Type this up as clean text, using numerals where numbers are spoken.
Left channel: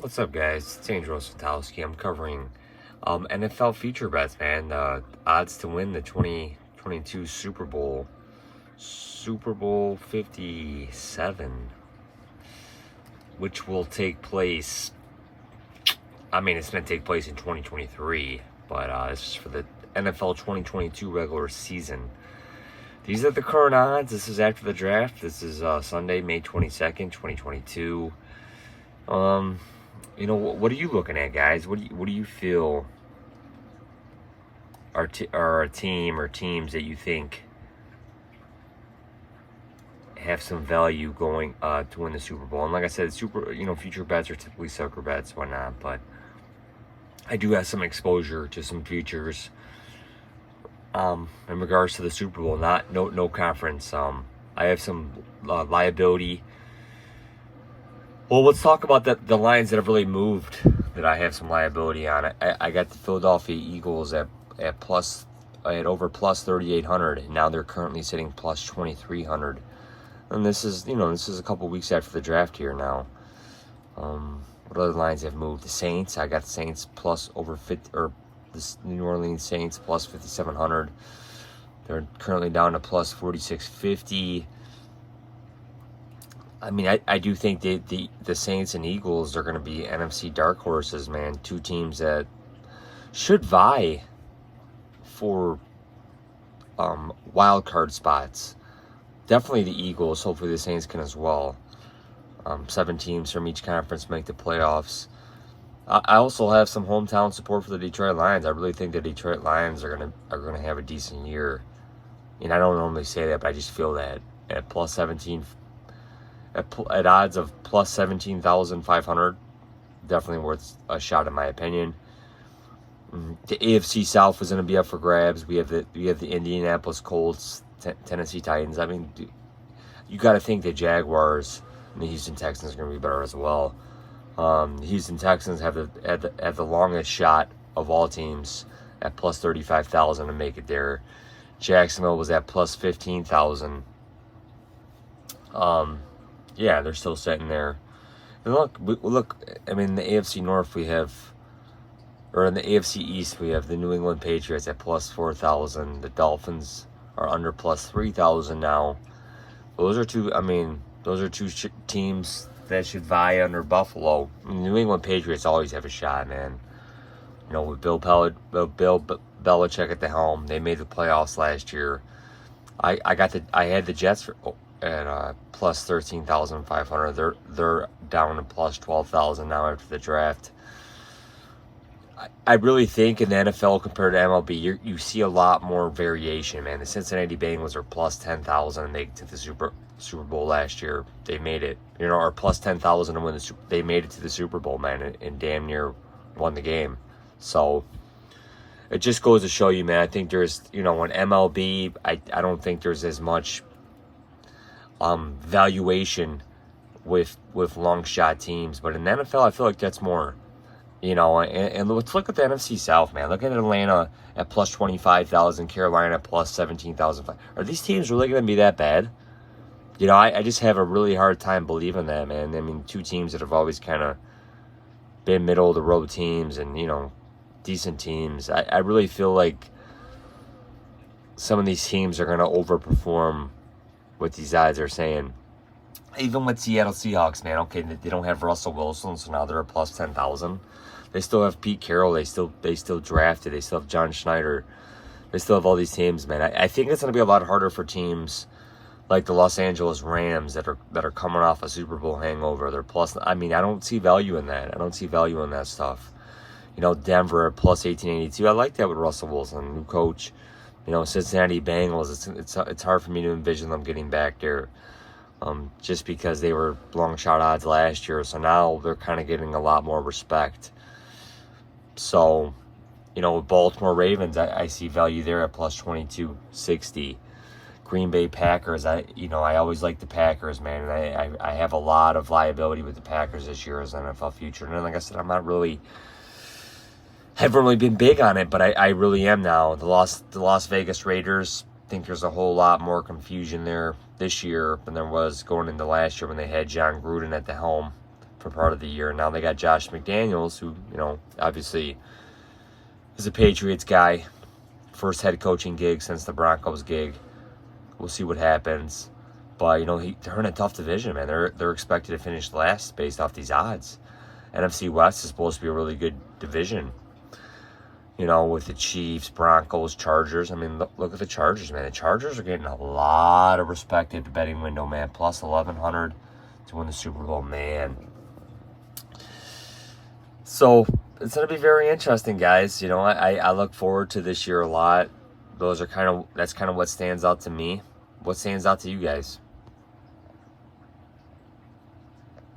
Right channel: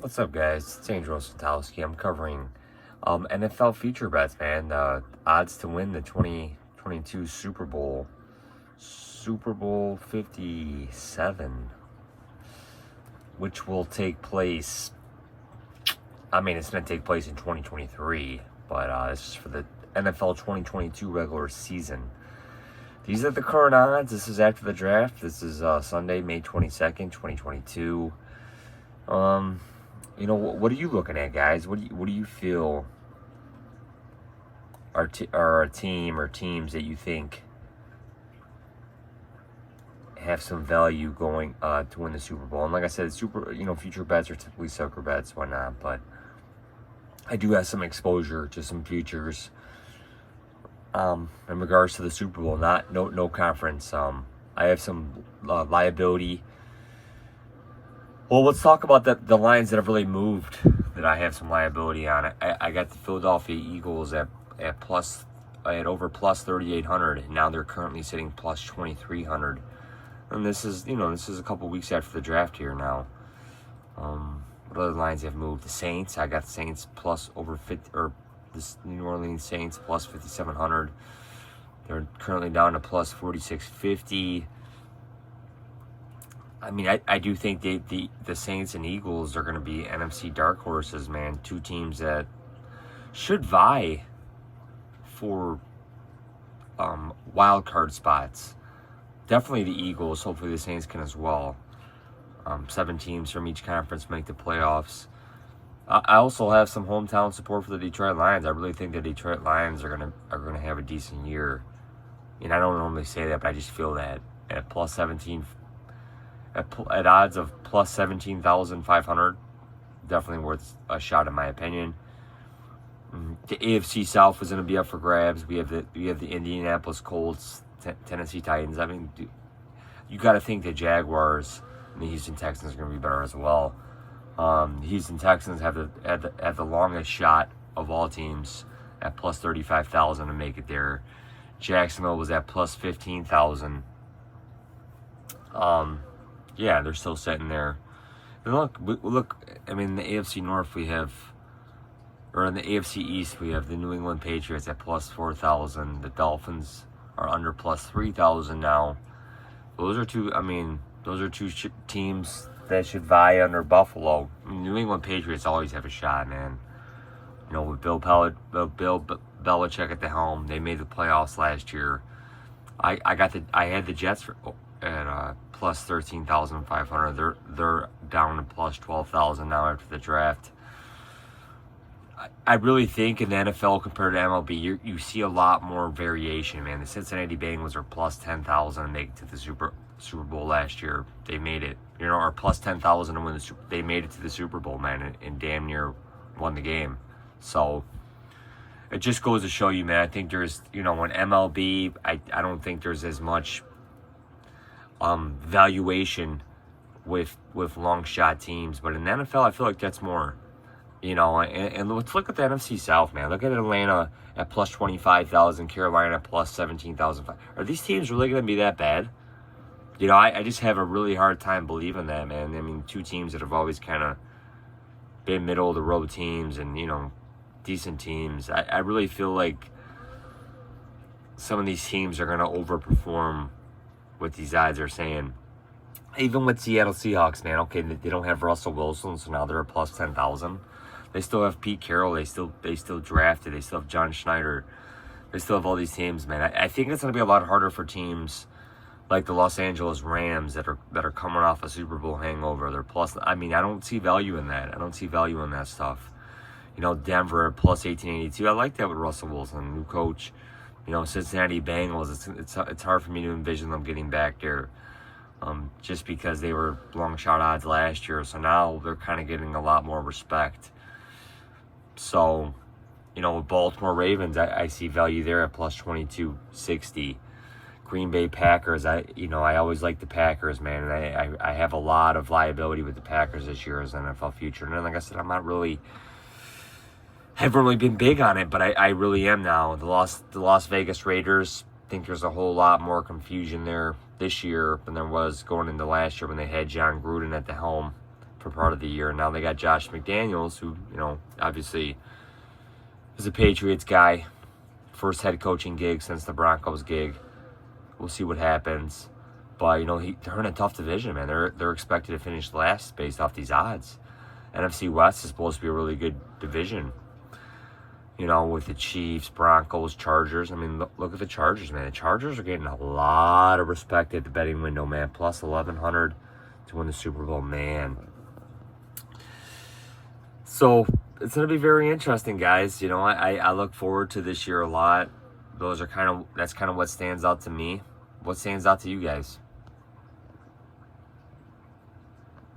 What's up, guys? It's Andrew Santowski. I'm covering NFL future bets, man. Odds to win the 2022 Super Bowl 57, which will take place. I mean, it's going to take place in 2023, but this is for the NFL 2022 regular season. These are the current odds. This is after the draft. This is Sunday, May 22nd, 2022. What are you looking at, guys? What do you feel are a team or teams that you think have some value going to win the Super Bowl? And like I said, future bets are typically sucker bets, whatnot. But I do have some exposure to some futures in regards to the Super Bowl. No conference. I have some liability. Well, let's talk about the lines that have really moved that I have some liability on. I got the Philadelphia Eagles at plus. I had over plus 3,800, and now they're currently sitting plus 2,300. And this is a couple weeks after the draft here now. What other lines have moved? The Saints. I got the Saints plus over 50, or the New Orleans Saints plus 5,700. They're currently down to plus 4,650. I mean, I do think the Saints and Eagles are going to be NFC dark horses, man. Two teams that should vie for wild card spots. Definitely the Eagles. Hopefully the Saints can as well. 7 teams from each conference make the playoffs. I also have some hometown support for the Detroit Lions. I really think the Detroit Lions are gonna have a decent year. And I don't normally say that, but I just feel that at plus 17. At odds of plus 17,500, definitely worth a shot in my opinion. The AFC South is going to be up for grabs. We have the Indianapolis Colts, Tennessee Titans. I mean, you got to think the Jaguars and the Houston Texans are going to be better as well. The Houston Texans have the longest shot of all teams at plus 35,000 to make it there. Jacksonville was at plus 15,000. Yeah, they're still sitting there. And look. I mean, in the AFC North in the AFC East we have the New England Patriots at plus 4,000. The Dolphins are under plus 3,000 now. Those are two teams that should vie under Buffalo. I mean, New England Patriots always have a shot, man. With Bill Belichick at the helm, they made the playoffs last year. I had the Jets at plus 13,500. They're down to plus 12,000 now after the draft. I really think in the NFL compared to MLB, you see a lot more variation, man. The Cincinnati Bengals are plus 10,000 and they to the Super Bowl last year. They made it, or plus 10,000 to win the Super. They made it to the Super Bowl, man, and damn near won the game. So it just goes to show you, man. I think there's, in MLB, I don't think there's as much valuation with long shot teams, but in the NFL I feel like that's more, and let's look at the NFC South, man. Look at Atlanta at plus 25,000, Carolina at plus 17,000. Are these teams really going to be that bad? I just have a really hard time believing that, man. I mean, two teams that have always kind of been middle of the road teams and decent teams. I really feel like some of these teams are going to overperform what these odds are saying. Even with Seattle Seahawks, man, okay, they don't have Russell Wilson, so now they're a plus 10,000. They still have Pete Carroll. They still drafted. They still have John Schneider. They still have all these teams, man. I think it's going to be a lot harder for teams like the Los Angeles Rams that are coming off a Super Bowl hangover. They're plus. I mean, I don't see value in that. I don't see value in that stuff. Denver at plus 1882. I like that with Russell Wilson, new coach. Cincinnati Bengals. It's hard for me to envision them getting back there. Just because they were long shot odds last year. So now they're kind of getting a lot more respect. So, with Baltimore Ravens, I see value there at plus 2260. Green Bay Packers, I always like the Packers, man. And I have a lot of liability with the Packers this year as an NFL future. And like I said, haven't really been big on it, but I really am now. The Las Vegas Raiders, think there's a whole lot more confusion there this year than there was going into last year when they had John Gruden at the helm. for part of the year. Now they got Josh McDaniels, who, obviously is a Patriots guy. First head coaching gig since the Broncos gig. We'll see what happens. But, they're in a tough division, man. They're expected to finish last based off these odds. NFC West is supposed to be a really good division. With the Chiefs, Broncos, Chargers. I mean, look at the Chargers, man. The Chargers are getting a lot of respect at the betting window, man. Plus 1,100 to win the Super Bowl, man. So, it's going to be very interesting, guys. I look forward to this year a lot. That's kind of what stands out to me. What stands out to you guys?